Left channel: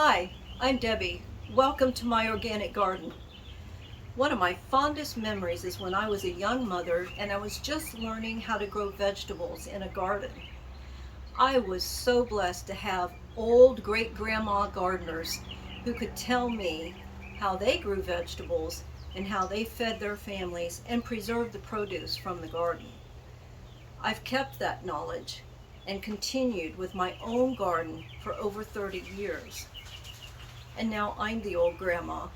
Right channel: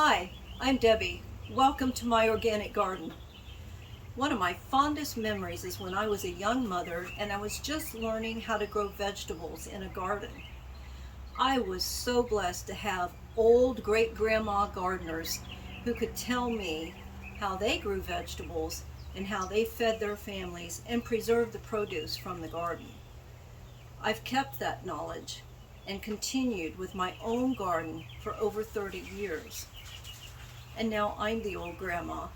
Hi, I'm Debbie. Welcome to my organic garden. One of my fondest memories is when I was a young mother and I was just learning how to grow vegetables in a garden. I was so blessed to have old great-grandma gardeners who could tell me how they grew vegetables and how they fed their families and preserved the produce from the garden. I've kept that knowledge and continued with my own garden for over 30 years. And now I'm the old grandma.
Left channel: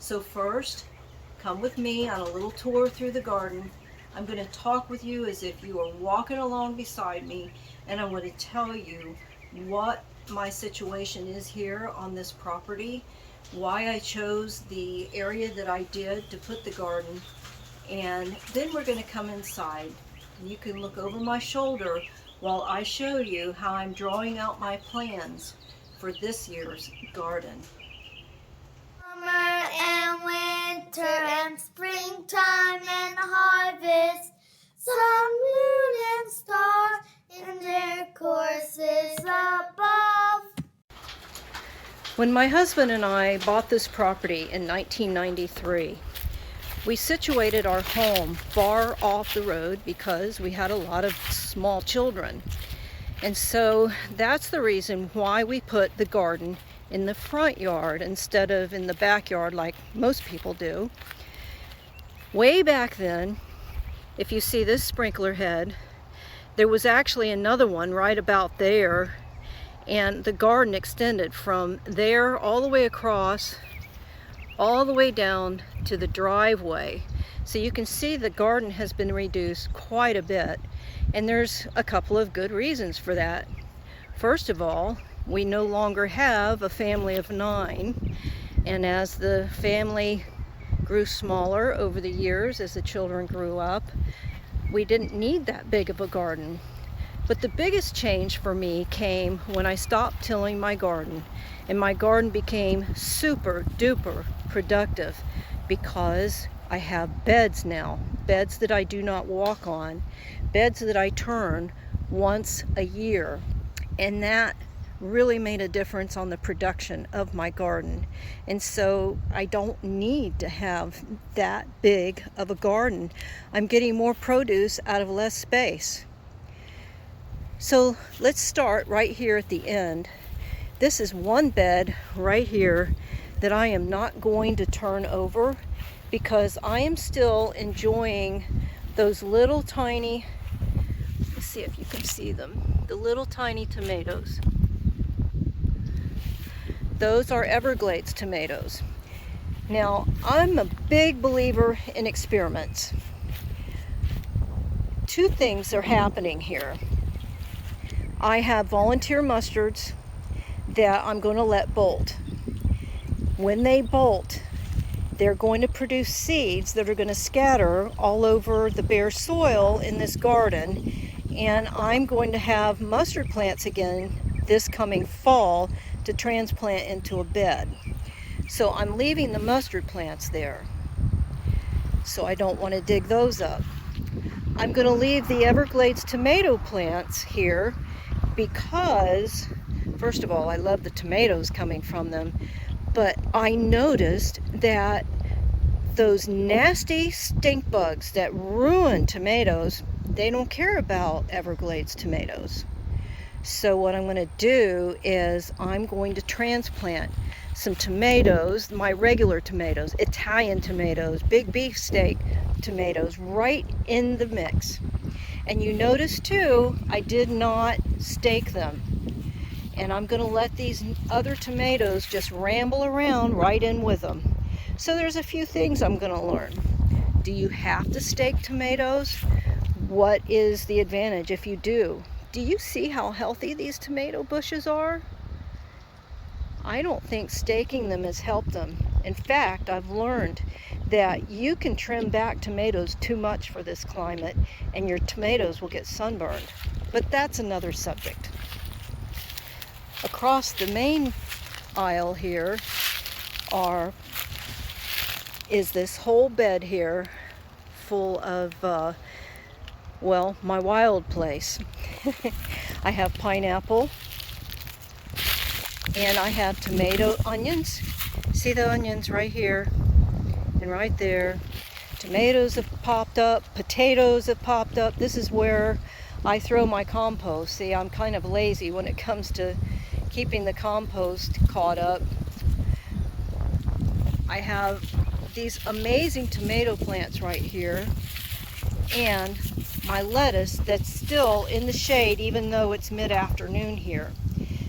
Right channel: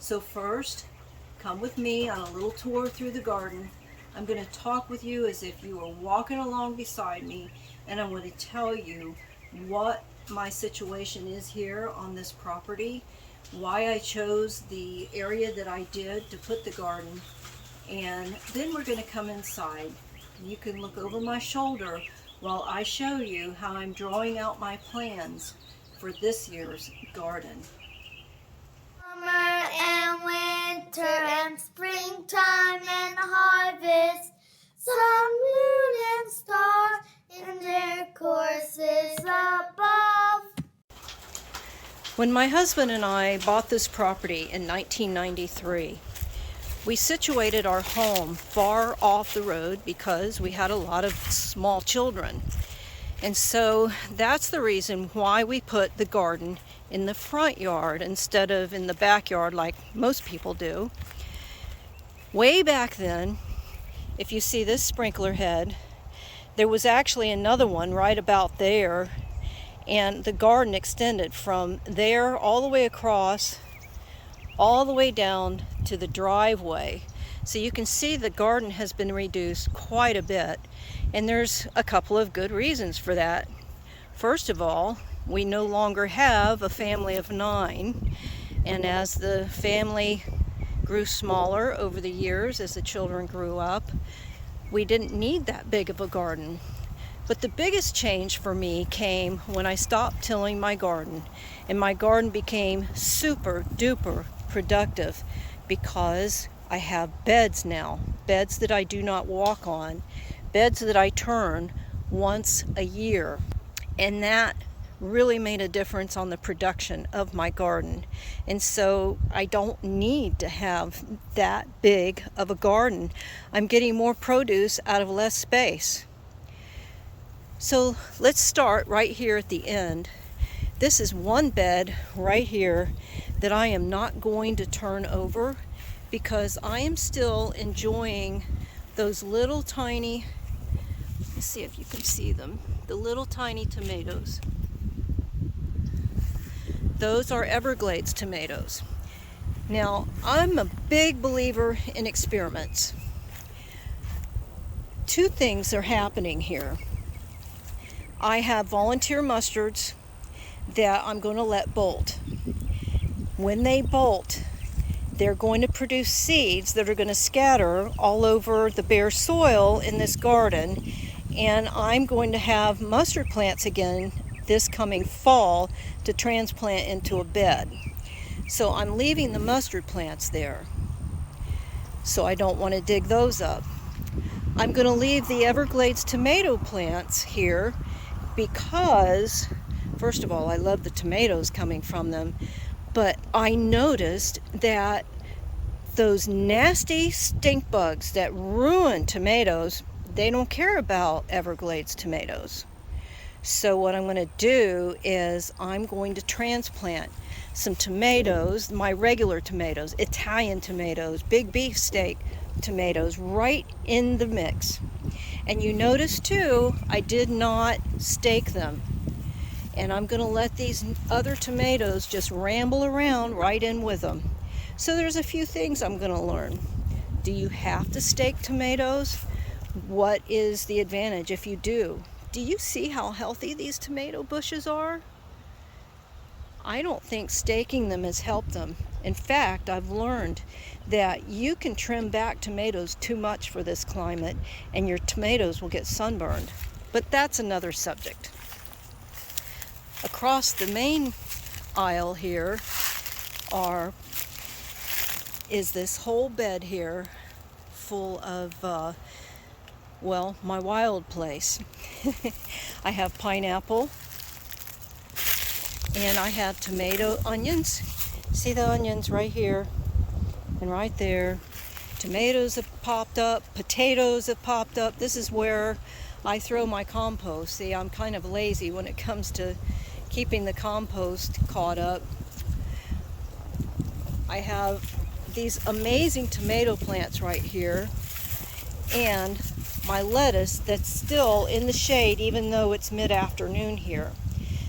So first, come with me on a little tour through the garden. I'm going to talk with you as if you are walking along beside me, and I'm going to tell you what my situation is here on this property, why I chose the area that I did to put the garden, and then we're going to come inside. You can look over my shoulder while I show you how I'm drawing out my plans for this year's garden. Summer and winter and springtime and harvest, sun, moon, and stars in their courses above. When my husband and I bought this property in 1993, we situated our home far off the road because we had a lot of small children. And so that's the reason why we put the garden in the front yard instead of in the backyard like most people do. Way back then, if you see this sprinkler head, there was actually another one right about there, and the garden extended from there all the way across, all the way down to the driveway. So you can see the garden has been reduced quite a bit, and there's a couple of good reasons for that. First of all, we no longer have a family of 9, and as the family grew smaller over the years, as the children grew up, we didn't need that big of a garden. But the biggest change for me came when I stopped tilling my garden, and my garden became super duper productive because I have beds now, beds that I do not walk on, beds that I turn once a year, and that really made a difference on the production of my garden. And so I don't need to have that big of a garden. I'm getting more produce out of less space. So let's start right here at the end. This is one bed right here that I am not going to turn over because I am still enjoying those little tiny, let's see if you can see them, the little tiny tomatoes. Those are Everglades tomatoes. Now, I'm a big believer in experiments. Two things are happening here. I have volunteer mustards that I'm going to let bolt. When they bolt, they're going to produce seeds that are going to scatter all over the bare soil in this garden, and I'm going to have mustard plants again this coming fall to transplant into a bed. So I'm leaving the mustard plants there, so I don't want to dig those up. I'm going to leave the Everglades tomato plants here because, first of all, I love the tomatoes coming from them, but I noticed that those nasty stink bugs that ruin tomatoes, they don't care about Everglades tomatoes. So what I'm going to do is I'm going to transplant some tomatoes, my regular tomatoes, Italian tomatoes, big beefsteak tomatoes, right in the mix. And you notice too, I did not stake them. And I'm going to let these other tomatoes just ramble around right in with them. So there's a few things I'm going to learn. Do you have to stake tomatoes? What is the advantage if you do? Do you see how healthy these tomato bushes are? I don't think staking them has helped them. In fact, I've learned that you can trim back tomatoes too much for this climate and your tomatoes will get sunburned. But that's another subject. Across the main aisle here is this whole bed here full of well, my wild place. I have pineapple, And I have tomato onions. See the onions right here and right there. Tomatoes have popped up, potatoes have popped up. This is where I throw my compost. See, I'm kind of lazy when it comes to keeping the compost caught up. I have these amazing tomato plants right here, and my lettuce that's still in the shade even though it's mid-afternoon here.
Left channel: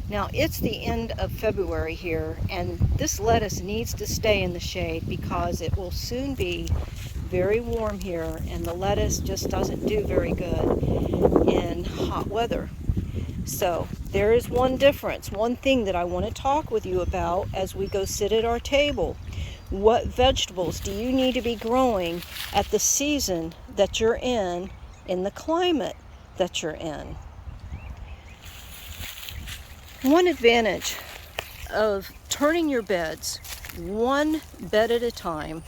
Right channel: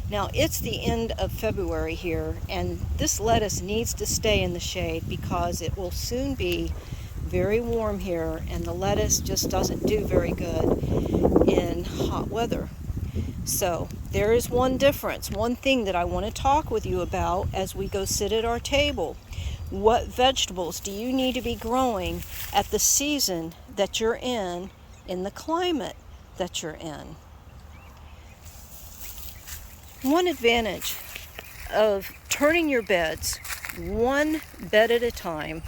Now it's the end of February here, and this lettuce needs to stay in the shade because it will soon be very warm here, and the lettuce just doesn't do very good in hot weather. So there is one difference, one thing that I want to talk with you about as we go sit at our table. What vegetables do you need to be growing at the season that you're in the climate that you're in? One advantage of turning your beds one bed at a time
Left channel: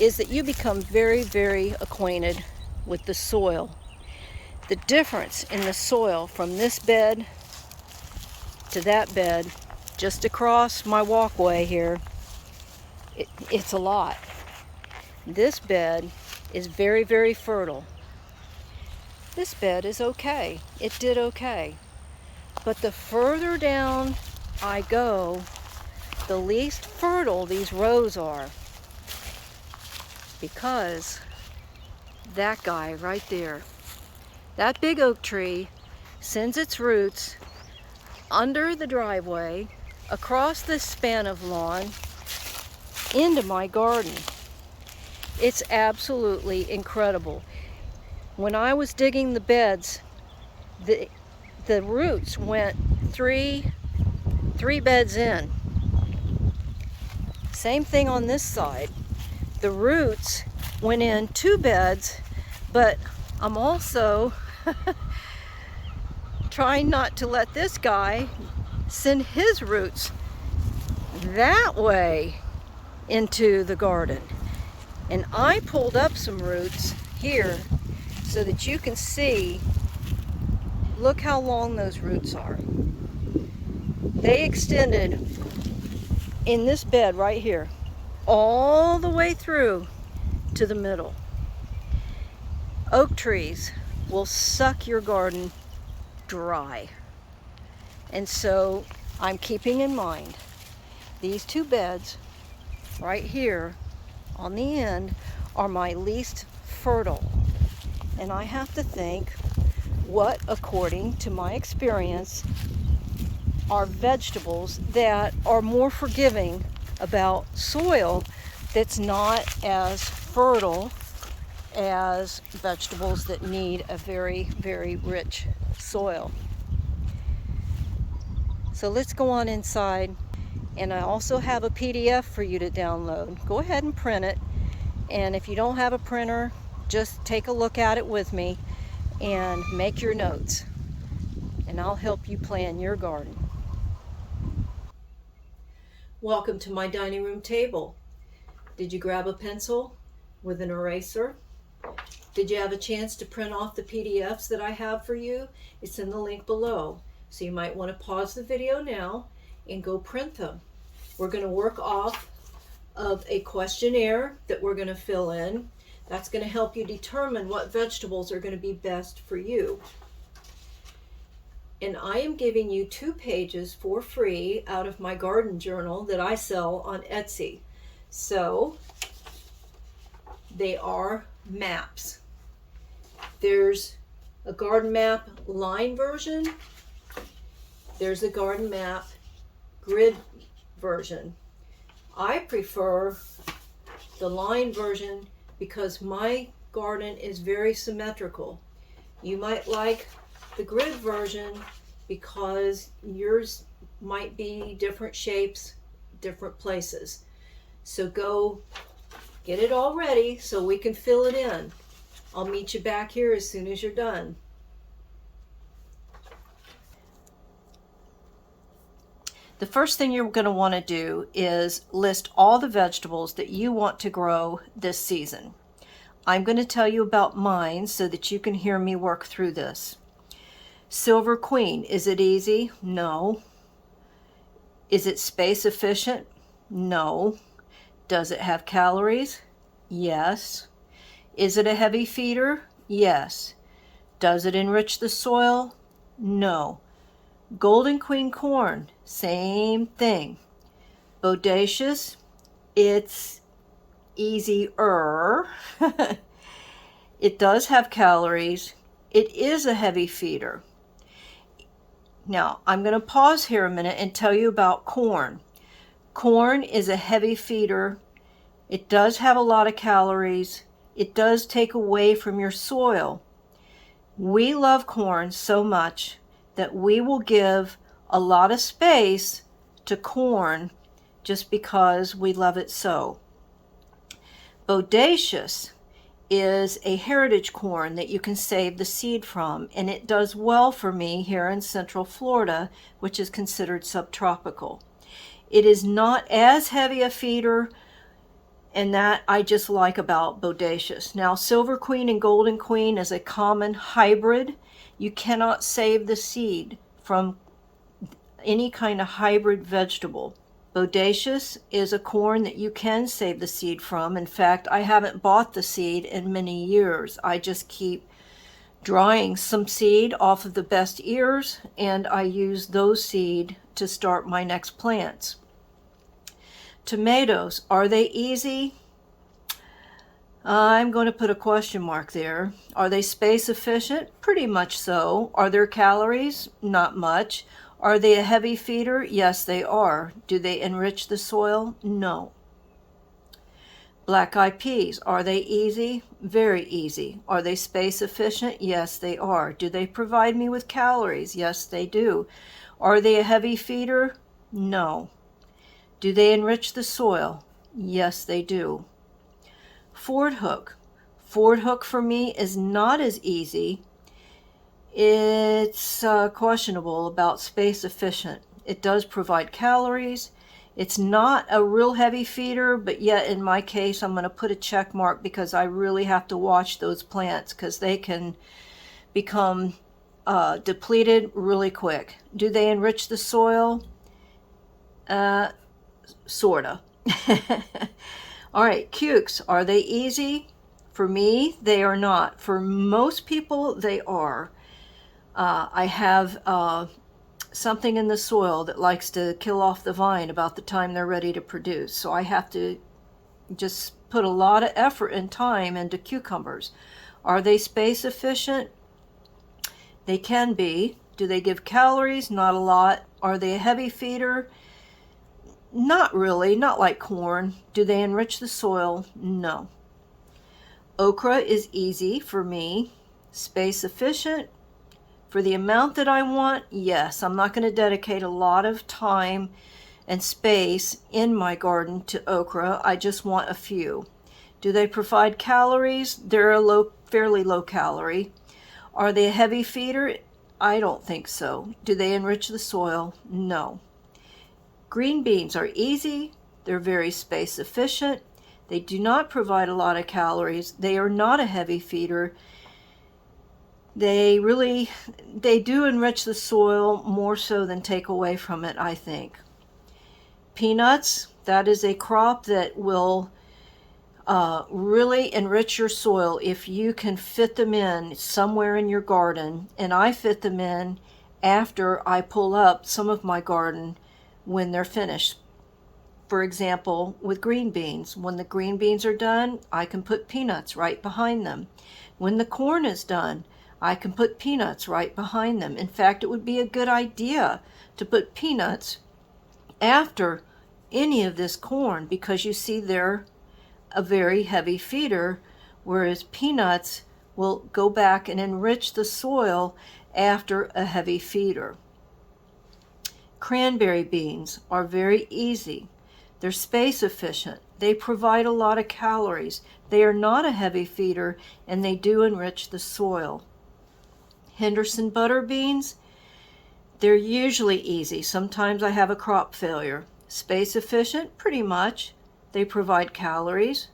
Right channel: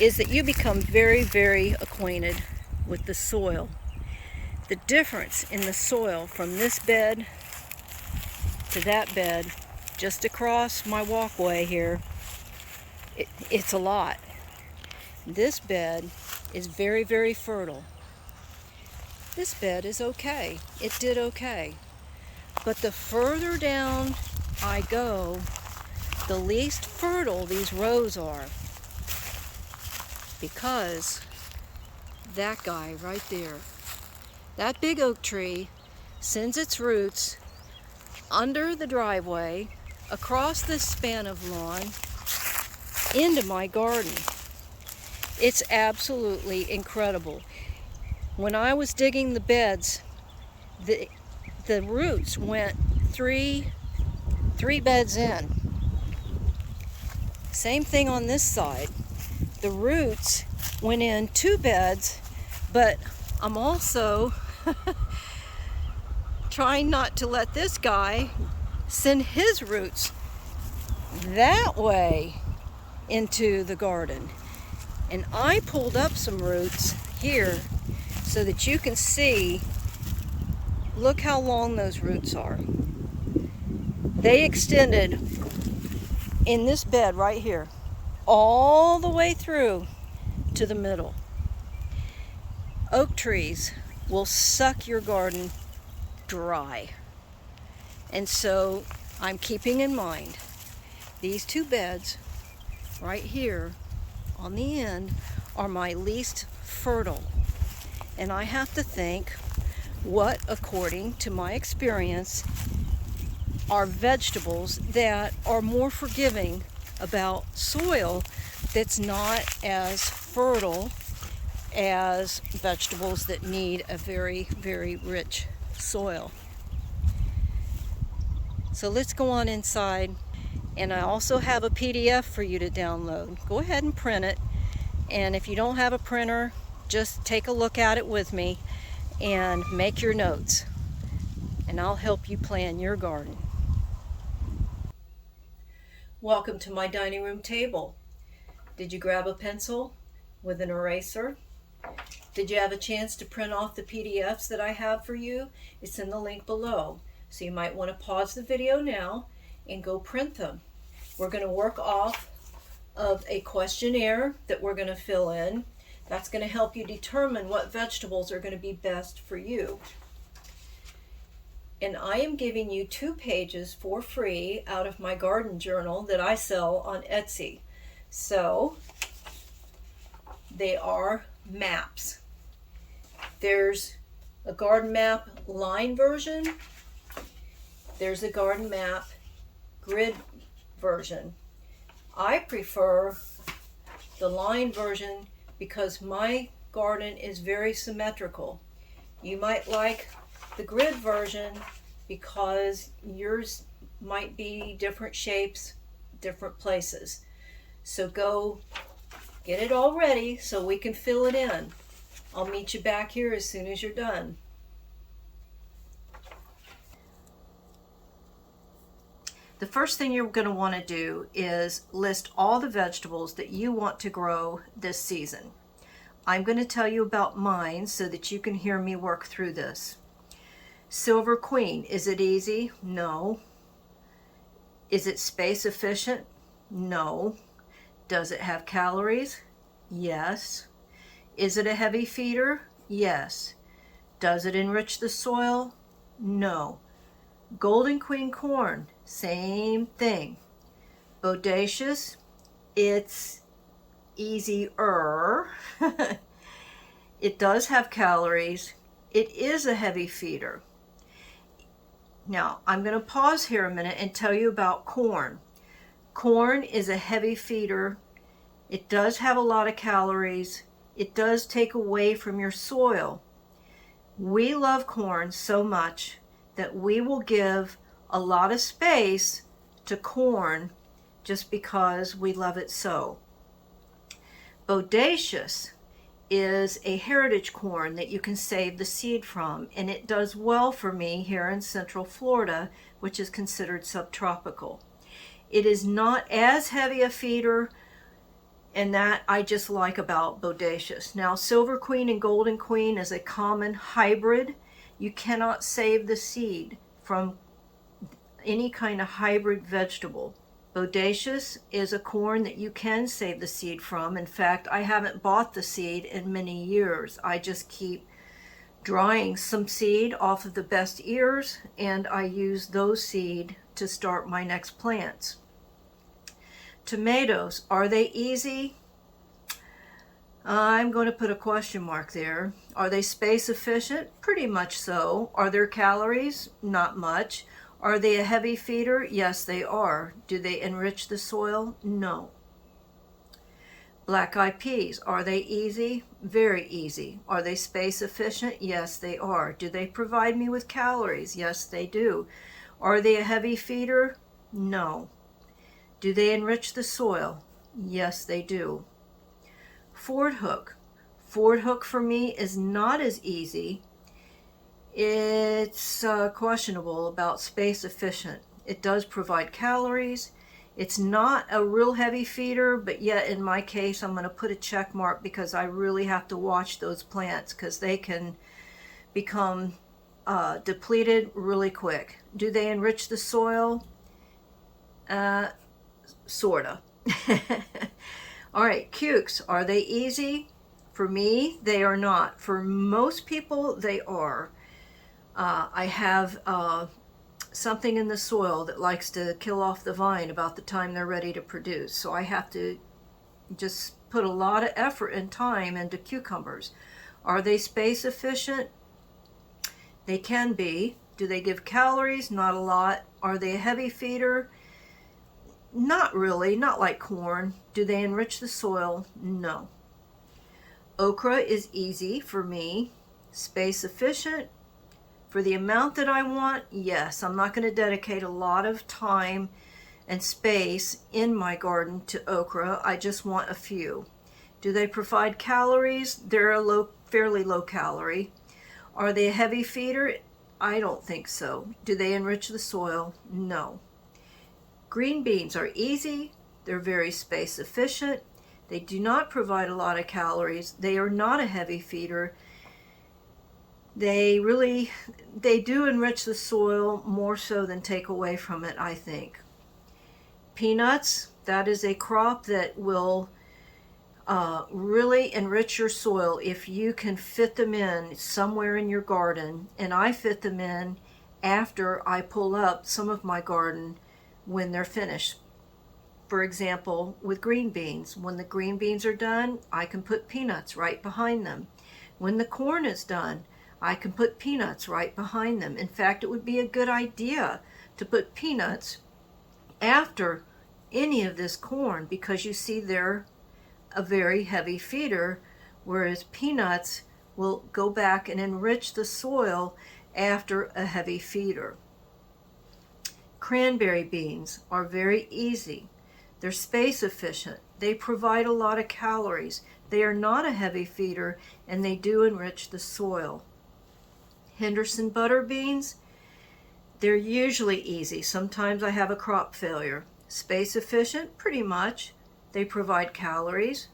is that you become very, very acquainted with the soil. The difference in the soil from this bed to that bed, just across my walkway here, it's a lot. This bed is very, very fertile. This bed is okay. It did okay. But the further down I go, the least fertile these rows are. Because that guy right there, that big oak tree, sends its roots under the driveway, across this span of lawn, into my garden. It's absolutely incredible. When I was digging the beds, the roots went three beds in. Same thing on this side. The roots went in 2 beds, but I'm also trying not to let this guy send his roots that way into the garden. And I pulled up some roots here so that you can see, look how long those roots are. They extended in this bed right here, all the way through to the middle. Oak trees will suck your garden dry. And so I'm keeping in mind these 2 beds right here on the end are my least fertile. And I have to think what, according to my experience, are vegetables that are more forgiving about soil that's not as fertile as vegetables that need a very, very rich soil. So let's go on inside, and I also have a PDF for you to download. Go ahead and print it, and if you don't have a printer, just take a look at it with me and make your notes, and I'll help you plan your garden. Welcome to my dining room table. Did you grab a pencil with an eraser? Did you have a chance to print off the PDFs that I have for you? It's in the link below. So you might want to pause the video now and go print them. We're going to work off of a questionnaire that we're going to fill in. That's going to help you determine what vegetables are going to be best for you. And I am giving you 2 pages for free out of my garden journal that I sell on Etsy. So they are maps. There's a garden map line version. There's a garden map grid version. I prefer the line version because my garden is very symmetrical. You might like the grid version because yours might be different shapes, different places. So go get it all ready so we can fill it in. I'll meet you back here as soon as you're done. The first thing you're going to want to do is list all the vegetables that you want to grow this season. I'm going to tell you about mine so that you can hear me work through this. Silver Queen, is it easy? No. Is it space efficient? No. Does it have calories? Yes. Is it a heavy feeder? Yes. Does it enrich the soil? No. Golden Queen corn, same thing. Bodacious, it's easier. It does have calories. It is a heavy feeder. Now, I'm going to pause here a minute and tell you about corn. Corn is a heavy feeder. It does have a lot of calories. It does take away from your soil. We love corn so much that we will give a lot of space to corn just because we love it so. Bodacious is a heritage corn that you can save the seed from, and it does well for me here in Central Florida, which is considered subtropical. It is not as heavy a feeder, and that I just like about Bodacious. Now, Silver Queen and Golden Queen is a common hybrid. You cannot save the seed from any kind of hybrid vegetable. Bodacious is a corn that you can save the seed from. In fact, I haven't bought the seed in many years. I just keep drying some seed off of the best ears, and I use those seed to start my next plants. Tomatoes, are they easy? I'm going to put a question mark there. Are they space efficient? Pretty much so. Are there calories? Not much. Are they a heavy feeder? Yes, they are. Do they enrich the soil? No. Black-eyed peas, are they easy? Very easy. Are they space efficient? Yes, they are. Do they provide me with calories? Yes, they do. Are they a heavy feeder? No. Do they enrich the soil? Yes, they do. Ford hook. Ford hook for me is not as easy. It's questionable about space efficient. It does provide calories. It's not a real heavy feeder, but yet in my case I'm going to put a check mark because I really have to watch those plants because they can become depleted really quick. Do they enrich the soil? Sorta. All right, cukes, are they easy? For me, they are not. For most people, they are. I have something in the soil that likes to kill off the vine about the time they're ready to produce. So I have to just put a lot of effort and time into cucumbers. Are they space efficient? They can be. Do they give calories? Not a lot. Are they a heavy feeder? Not really, not like corn. Do they enrich the soil? No. Okra is easy for me. Space efficient? For the amount that I want, yes. I'm not going to dedicate a lot of time and space in my garden to okra. I just want a few. Do they provide calories? They're a fairly low calorie. Are they a heavy feeder? I don't think so. Do they enrich the soil? No. Green beans are easy. They're very space efficient. They do not provide a lot of calories. They are not a heavy feeder. They do enrich the soil more so than take away from it, I think. Peanuts, that is a crop that will really enrich your soil if you can fit them in somewhere in your garden. And I fit them in after I pull up some of my garden when they're finished. For example, with green beans, when the green beans are done, I can put peanuts right behind them. When the corn is done, I can put peanuts right behind them. In fact, it would be a good idea to put peanuts after any of this corn because you see they're a very heavy feeder, whereas peanuts will go back and enrich the soil after a heavy feeder. Cranberry beans are very easy. They're space efficient. They provide a lot of calories. They are not a heavy feeder, and they do enrich the soil. Henderson butter beans, they're usually easy. Sometimes I have a crop failure. Space efficient, pretty much. They provide calories.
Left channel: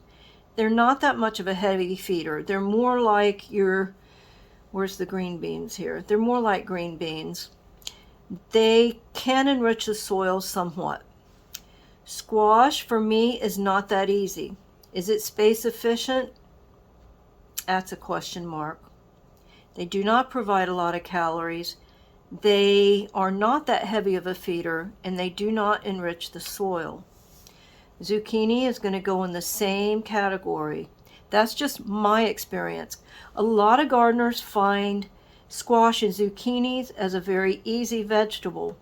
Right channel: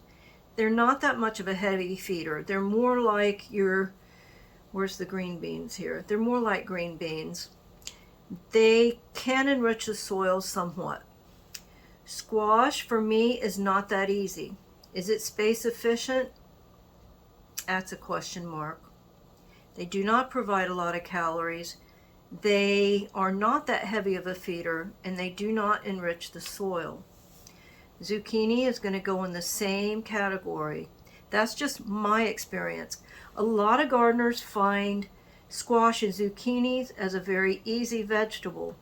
They're not that much of a heavy feeder. They're more like where's the green beans here? They're more like green beans. they can enrich the soil somewhat. Squash, for me, is not that easy. Is it space efficient? That's a question mark. They do not provide a lot of calories. They are not that heavy of a feeder, and they do not enrich the soil. Zucchini is going to go in the same category. That's just my experience. A lot of gardeners find squash and zucchinis as a very easy vegetable.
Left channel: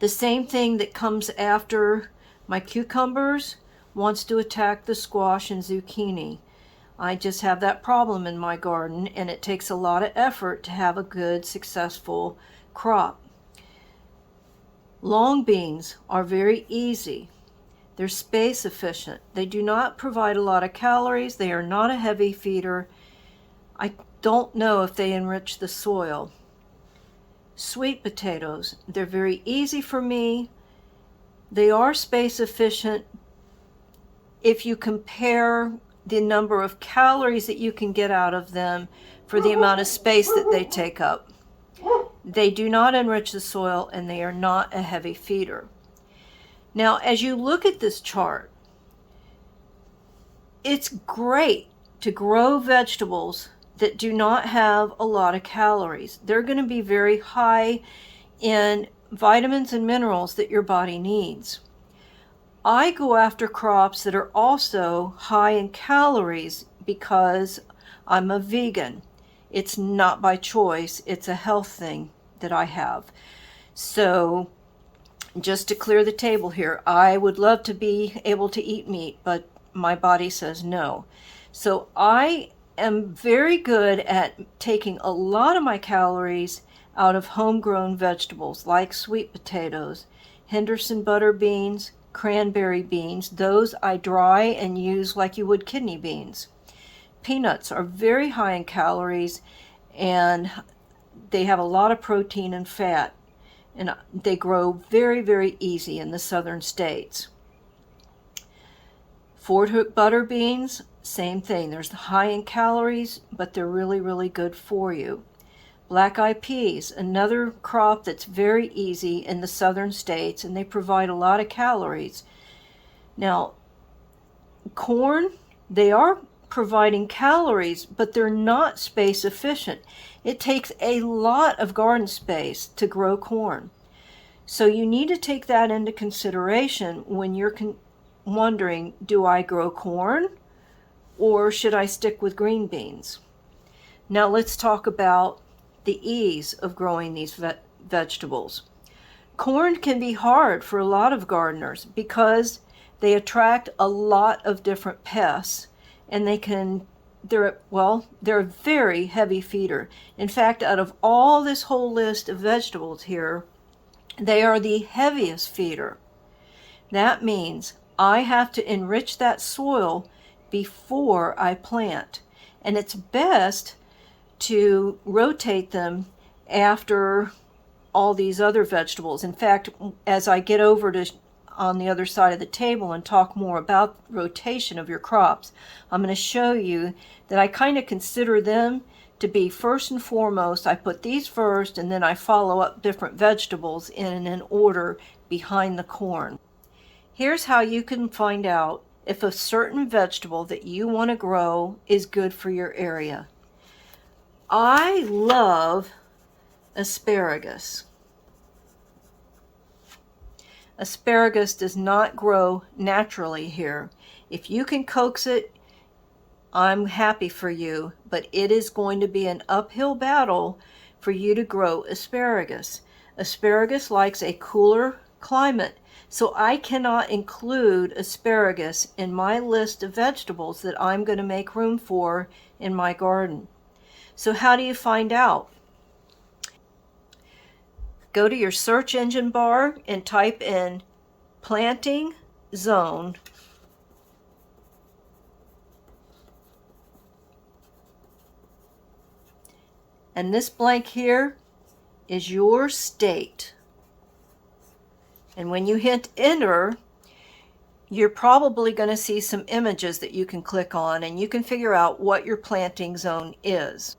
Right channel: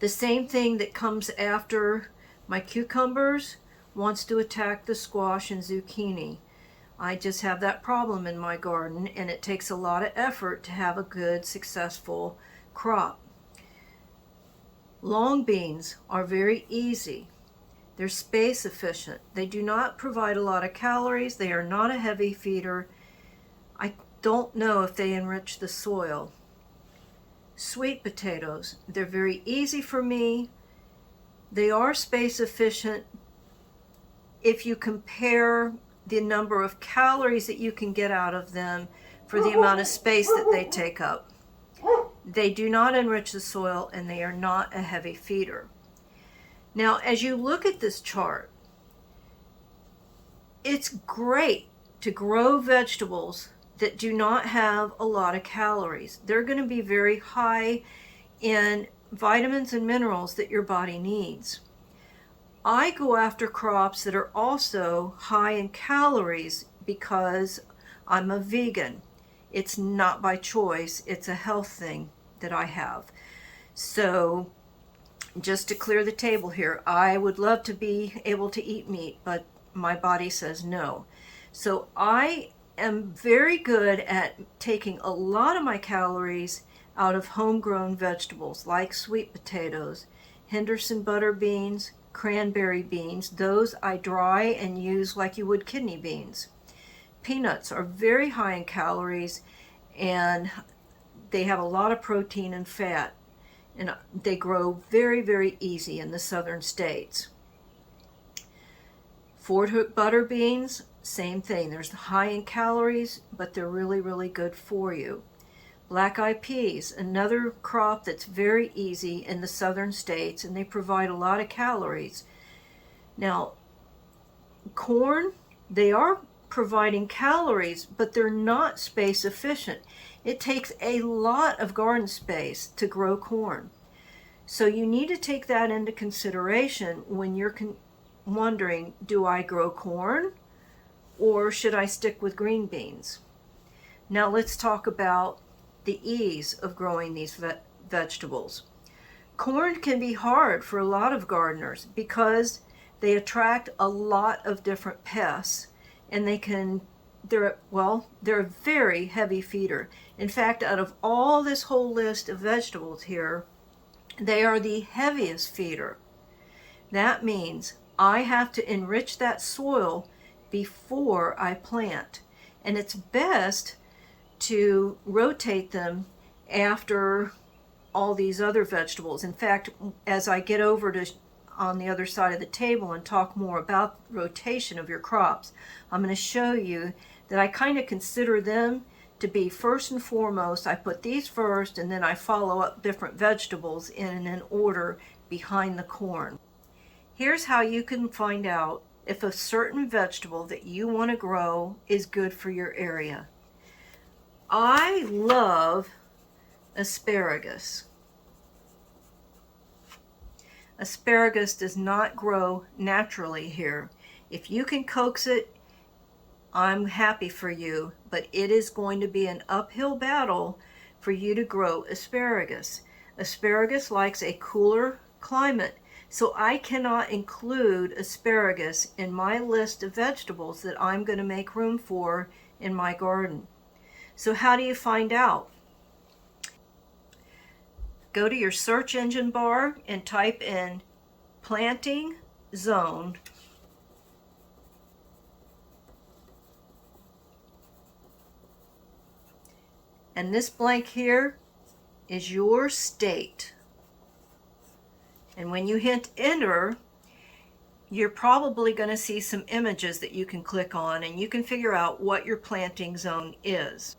The same thing that comes after my cucumbers wants to attack the squash and zucchini. I just have that problem in my garden, and it takes a lot of effort to have a good, successful crop. Long beans are very easy. They're space efficient. They do not provide a lot of calories. They are not a heavy feeder. I don't know if they enrich the soil. Sweet potatoes, they're very easy for me. They are space efficient if you compare the number of calories that you can get out of them for the amount of space that they take up. They do not enrich the soil, and they are not a heavy feeder. Now, as you look at this chart, it's great to grow vegetables that do not have a lot of calories. They're going to be very high in vitamins and minerals that your body needs. I go after crops that are also high in calories because I'm a vegan. It's not by choice, it's a health thing that I have. So, just to clear the table here, I would love to be able to eat meat, but my body says no. So I am very good at taking a lot of my calories out of homegrown vegetables like sweet potatoes, Henderson butter beans, cranberry beans. Those I dry and use like you would kidney beans. Peanuts are very high in calories, and they have a lot of protein and fat, and they grow very, very easy in the southern states. Fort Hook butter beans, same thing. They're high in calories, but they're really, really good for you. Black-eyed peas, another crop that's very easy in the southern states, and they provide a lot of calories. Now, corn, they are providing calories, but they're not space efficient. It takes a lot of garden space to grow corn. So you need to take that into consideration when you're wondering, do I grow corn or should I stick with green beans? Now let's talk about the ease of growing these vegetables. Corn can be hard for a lot of gardeners because they attract a lot of different pests, and they're a very heavy feeder. In fact, out of all this whole list of vegetables here, they are the heaviest feeder. That means I have to enrich that soil before I plant, and it's best to rotate them after all these other vegetables. In fact, as I get over to on the other side of the table and talk more about rotation of your crops, I'm going to show you that I kind of consider them to be first and foremost. I put these first, and then I follow up different vegetables in an order behind the corn. Here's how you can find out if a certain vegetable that you want to grow is good for your area. I love asparagus. Asparagus does not grow naturally here. If you can coax it, I'm happy for you, but it is going to be an uphill battle for you to grow asparagus. Asparagus likes a cooler climate, so I cannot include asparagus in my list of vegetables that I'm going to make room for in my garden. So how do you find out? Go to your search engine bar and type in planting zone. And this blank here is your state. And when you hit enter, you're probably going to see some images that you can click on, and you can figure out what your planting zone is.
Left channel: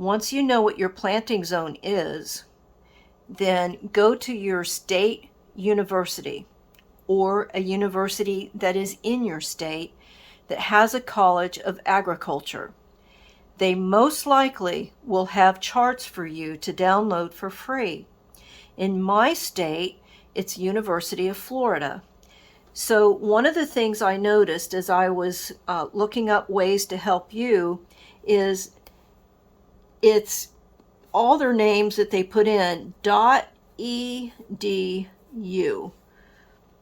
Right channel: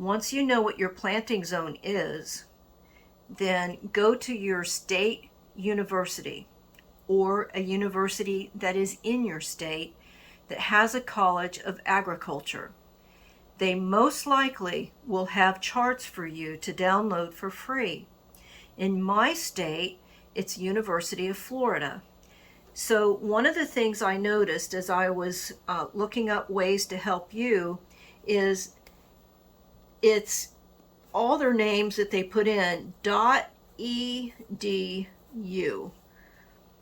Once you know what your planting zone is, then go to your state university or a university that is in your state that has a college of agriculture. They most likely will have charts for you to download for free. In my state, it's University of Florida. So one of the things I noticed as I was looking up ways to help you is it's all their names that they put in .edu.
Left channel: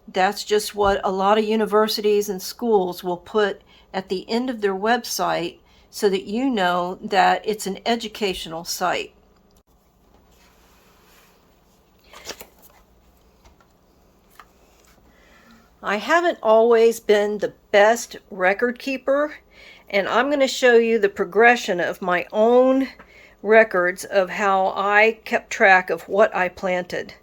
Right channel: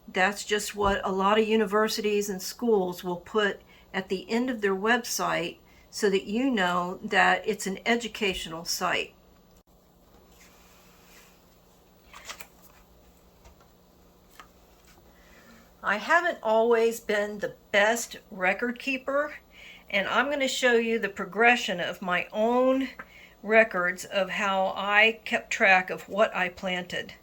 That's just what a lot of universities and schools will put at the end of their website so that you know that it's an educational site. I haven't always been the best record keeper, and I'm going to show you the progression of my own records of how I kept track of what I planted.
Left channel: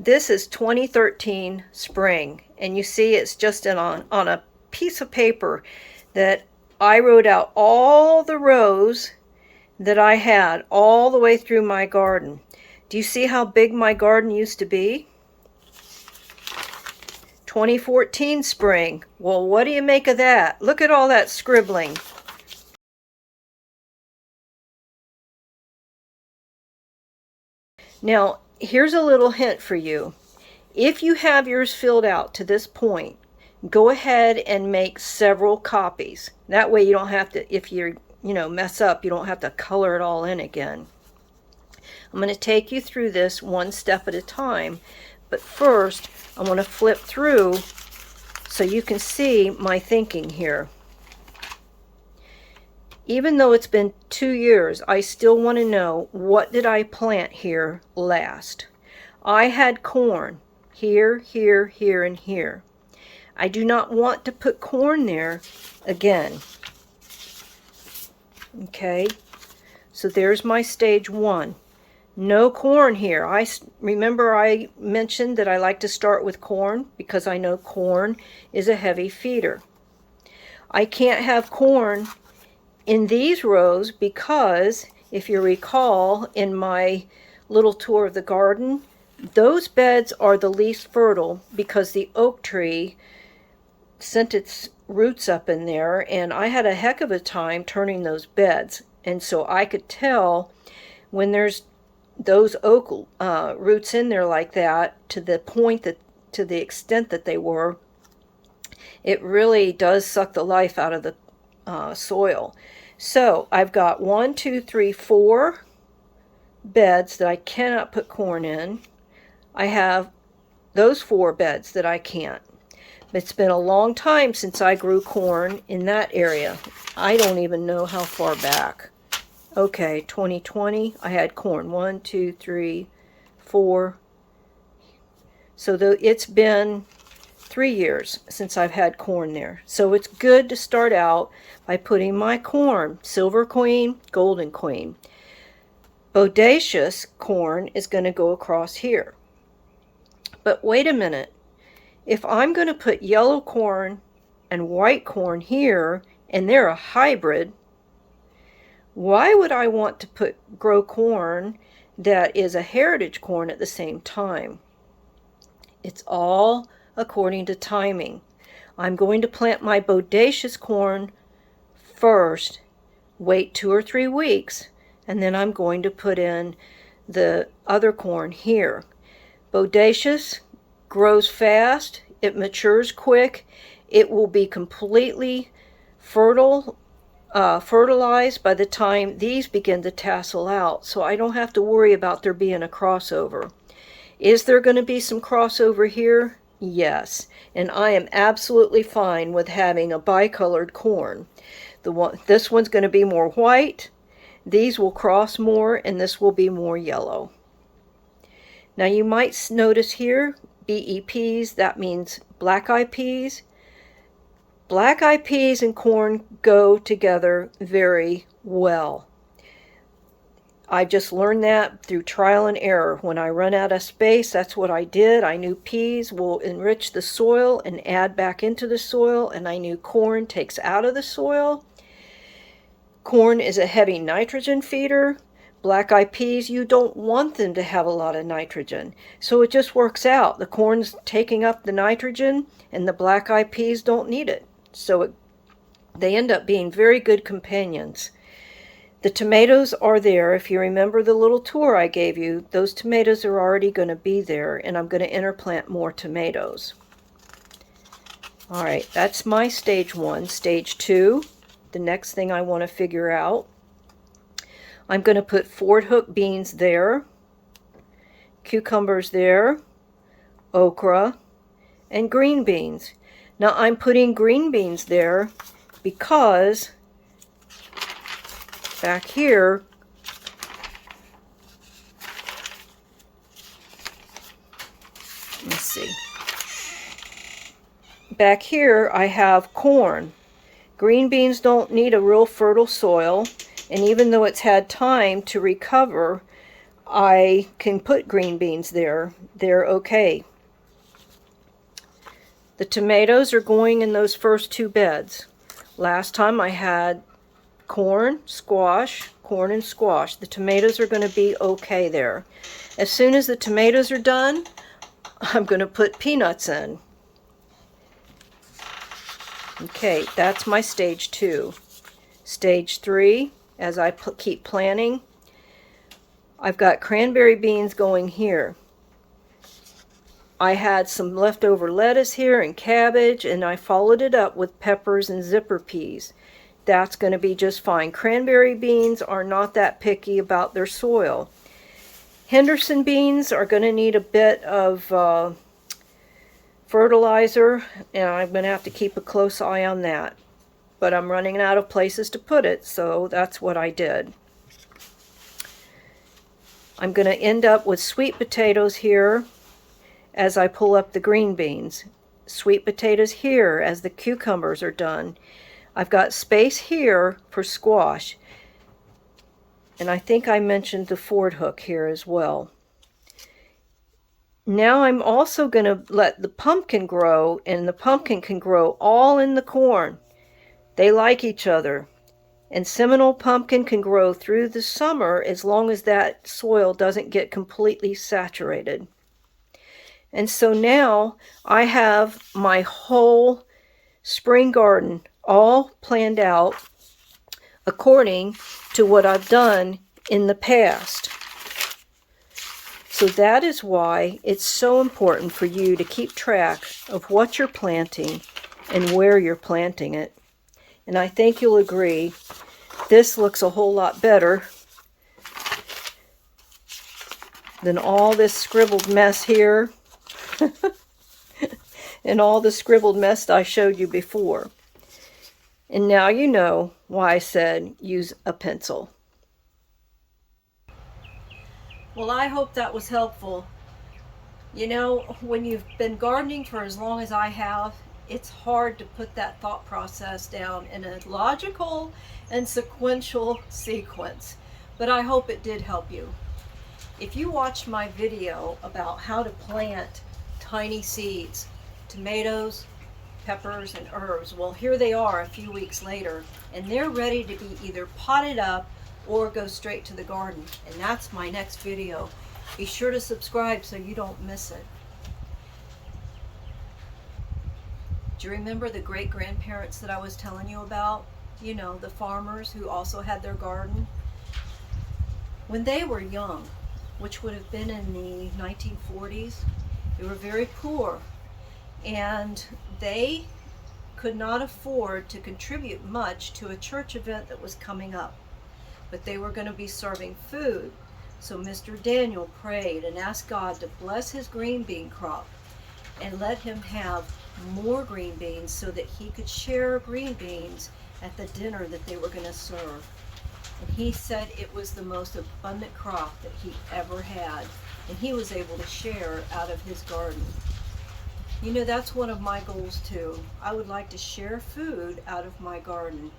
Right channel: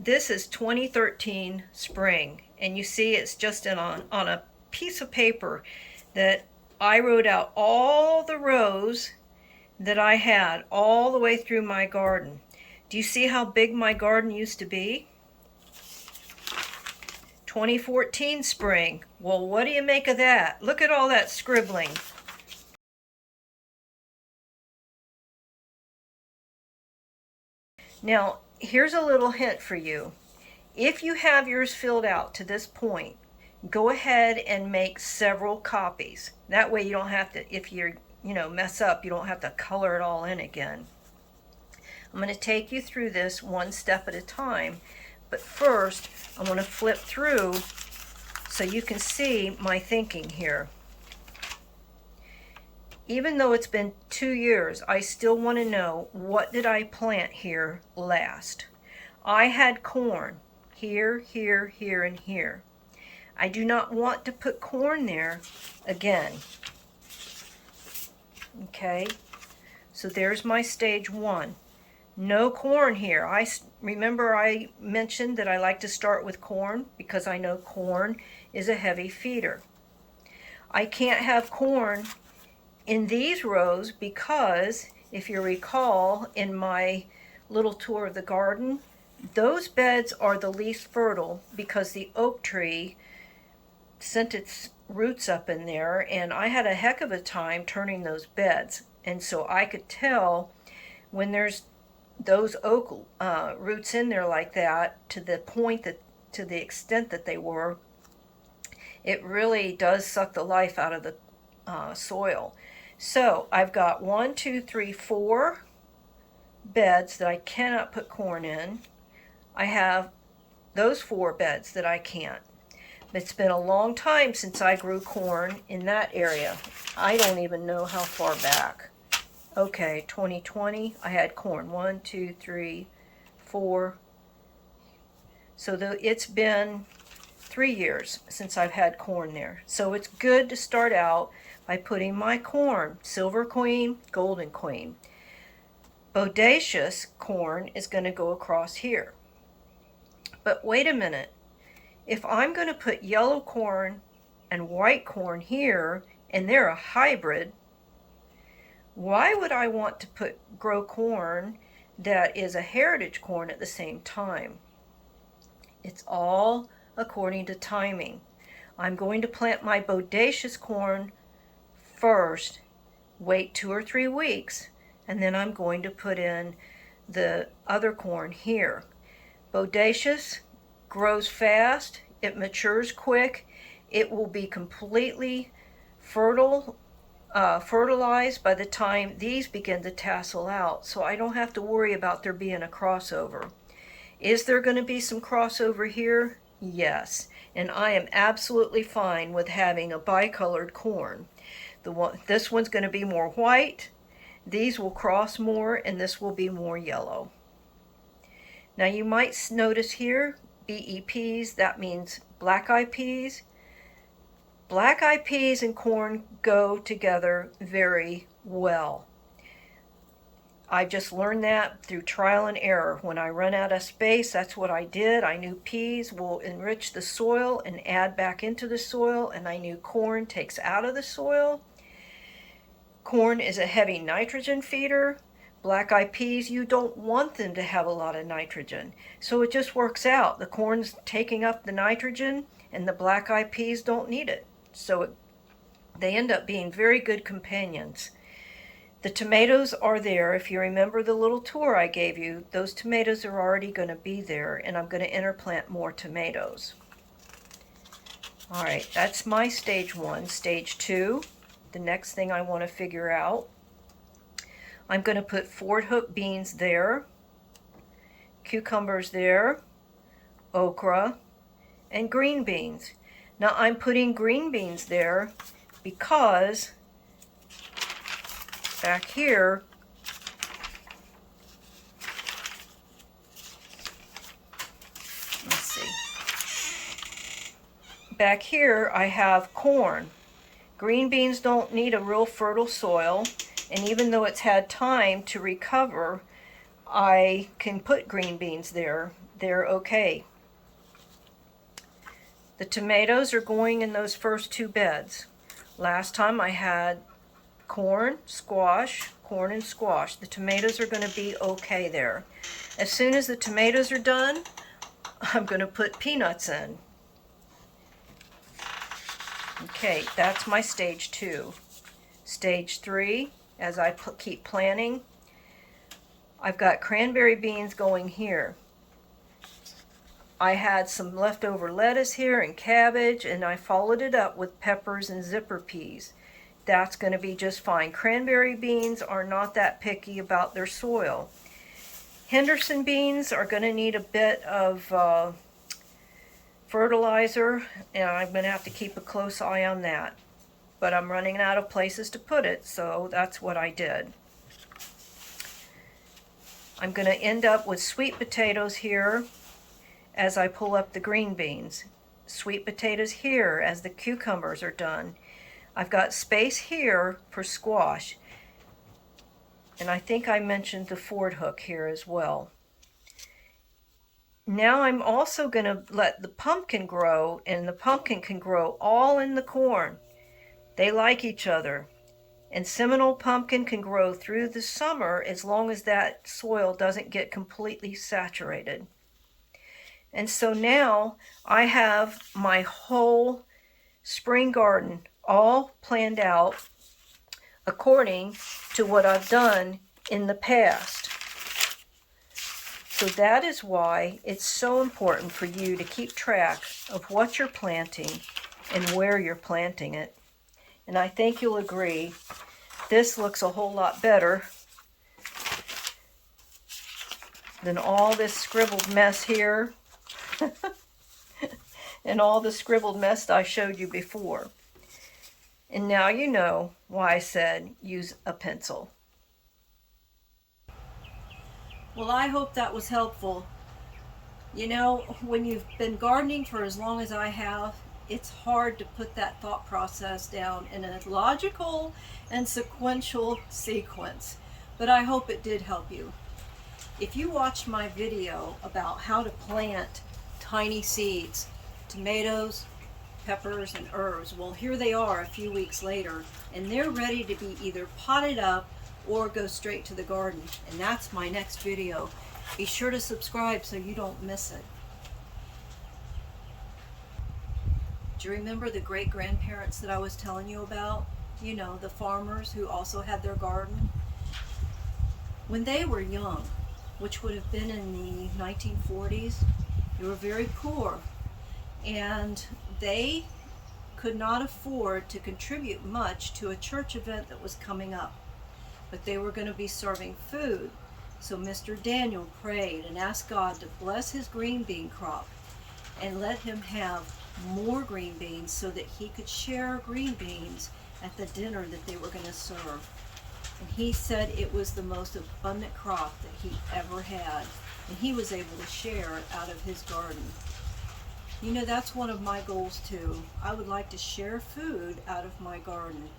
This is 2013 spring, and you see it's just on a piece of paper that I wrote out all the rows that I had all the way through my garden. Do you see how big my garden used to be? 2014 spring. Well, what do you make of that? Look at all that scribbling. Now, here's a little hint for you. If you have yours filled out to this point, go ahead and make several copies. That way you don't have to, if you mess up, you don't have to color it all in again. I'm going to take you through this one step at a time, but first I want to flip through so you can see my thinking here. Even though it's been 2 years, I still want to know, what did I plant here last? I had corn here, here, here, and here. I do not want to put corn there again. Okay, so there's my stage 1. No corn here. Remember I mentioned that I like to start with corn because I know corn is a heavy feeder. I can't have corn in these rows because, if you recall in my little tour of the garden, those beds are the least fertile because the oak tree sent its roots up in there, and I had a heck of a time turning those beds. And so I could tell when there's those oak roots in there like that, to the point that, to the extent that they were, it really does suck the life out of the soil. So I've got 1, 2, 3, 4 beds that I cannot put corn in. I have those 4 beds that I can't. It's been a long time since I grew corn in that area. I don't even know how far back. Okay, 2020, I had corn. 1, 2, 3, 4. So it's been 3 years since I've had corn there. So it's good to start out by putting my corn, Silver Queen, Golden Queen. Bodacious corn is going to go across here. But wait a minute. If I'm going to put yellow corn and white corn here, and they're a hybrid, why would I want to grow corn that is a heritage corn at the same time? It's all according to timing. I'm going to plant my bodacious corn first, wait 2 or 3 weeks, and then I'm going to put in the other corn here. Bodacious grows fast, it matures quick, it will be completely fertilized by the time these begin to tassel out, so I don't have to worry about there being a crossover. Is there going to be some crossover here? Yes, and I am absolutely fine with having a bicolored corn. This one's going to be more white, these will cross more, and this will be more yellow. Now you might notice here, BEPs, that means black-eyed peas. Black-eyed peas and corn go together very well. I just learned that through trial and error. When I run out of space, that's what I did. I knew peas will enrich the soil and add back into the soil, and I knew corn takes out of the soil. Corn is a heavy nitrogen feeder. Black-eyed peas, you don't want them to have a lot of nitrogen. So it just works out. The corn's taking up the nitrogen and the black-eyed peas don't need it. So they end up being very good companions. The tomatoes are there. If you remember the little tour I gave you, those tomatoes are already going to be there, and I'm going to interplant more tomatoes. All right, that's my stage 1. Stage 2, the next thing I want to figure out. I'm going to put Ford hook beans there, cucumbers there, okra, and green beans. Now I'm putting green beans there because back here, let's see, back here I have corn. Green beans don't need a real fertile soil, and even though it's had time to recover, I can put green beans there. They're okay. The tomatoes are going in those first 2 beds. Last time I had corn, squash, corn and squash. The tomatoes are going to be okay there. As soon as the tomatoes are done, I'm going to put peanuts in. Okay, that's my stage 2. Stage 3, as I keep planting, I've got cranberry beans going here. I had some leftover lettuce here and cabbage, and I followed it up with peppers and zipper peas. That's going to be just fine. Cranberry beans are not that picky about their soil. Henderson beans are going to need a bit of fertilizer, and I'm going to have to keep a close eye on that. But I'm running out of places to put it, so that's what I did. I'm going to end up with sweet potatoes here as I pull up the green beans. Sweet potatoes here as the cucumbers are done. I've got space here for squash. And I think I mentioned the Ford hook here as well. Now I'm also going to let the pumpkin grow, and the pumpkin can grow all in the corn. They like each other. And Seminole pumpkin can grow through the summer as long as that soil doesn't get completely saturated. And so now I have my whole spring garden all planned out according to what I've done in the past. So that is why it's so important for you to keep track of what you're planting and where you're planting it. And I think you'll agree, this looks a whole lot better than all this scribbled mess here and all the scribbled mess I showed you before. And now you know why I said use a pencil. Well, I hope that was helpful. You know, when you've been gardening for as long as I have, it's hard to put that thought process down in a logical and sequential sequence. But I hope it did help you. If you watched my video about how to plant tiny seeds, tomatoes, peppers, and herbs, well, here they are a few weeks later, and they're ready to be either potted up or go straight to the garden. And that's my next video. Be sure to subscribe so you don't miss it. Do you remember the great-grandparents that I was telling you about? You know, the farmers who also had their garden. When they were young, which would have been in the 1940s, they were very poor, and they could not afford to contribute much to a church event that was coming up. But they were going to be serving food. So Mr. Daniel prayed and asked God to bless his green bean crop and let him have more green beans so that he could share green beans at the dinner that they were going to serve. And he said it was the most abundant crop that he ever had, and he was able to share out of his garden. You know, that's one of my goals too. I would like to share food out of my garden.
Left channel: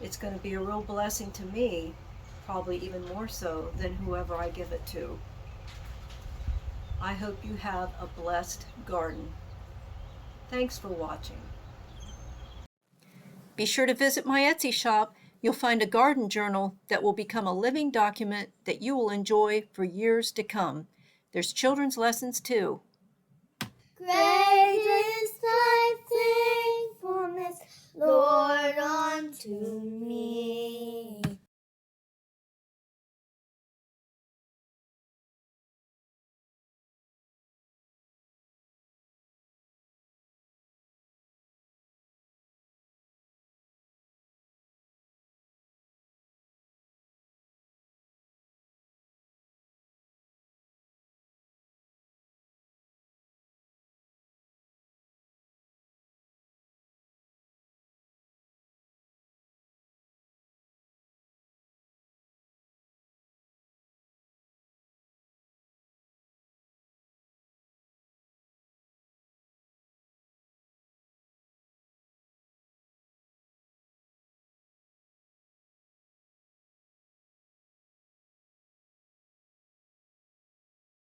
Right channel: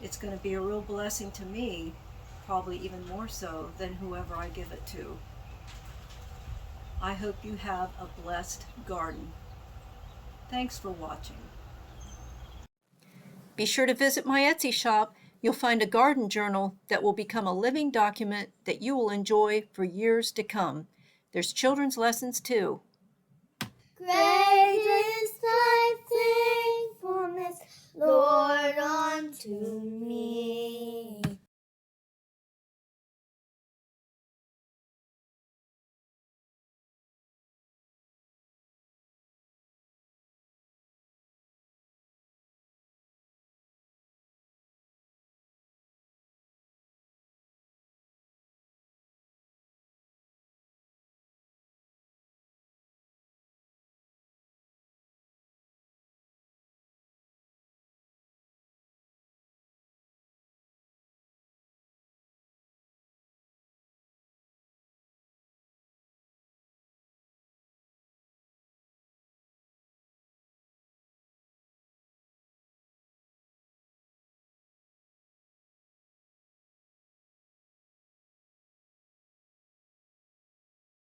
It's going to be a real blessing to me, probably even more so than whoever I give it to. I hope you have a blessed garden. Thanks for watching. Be sure to visit my Etsy shop You'll find a garden journal that will become a living document that you will enjoy for years to come. There's children's lessons too. Great is thy faithfulness, Lord, unto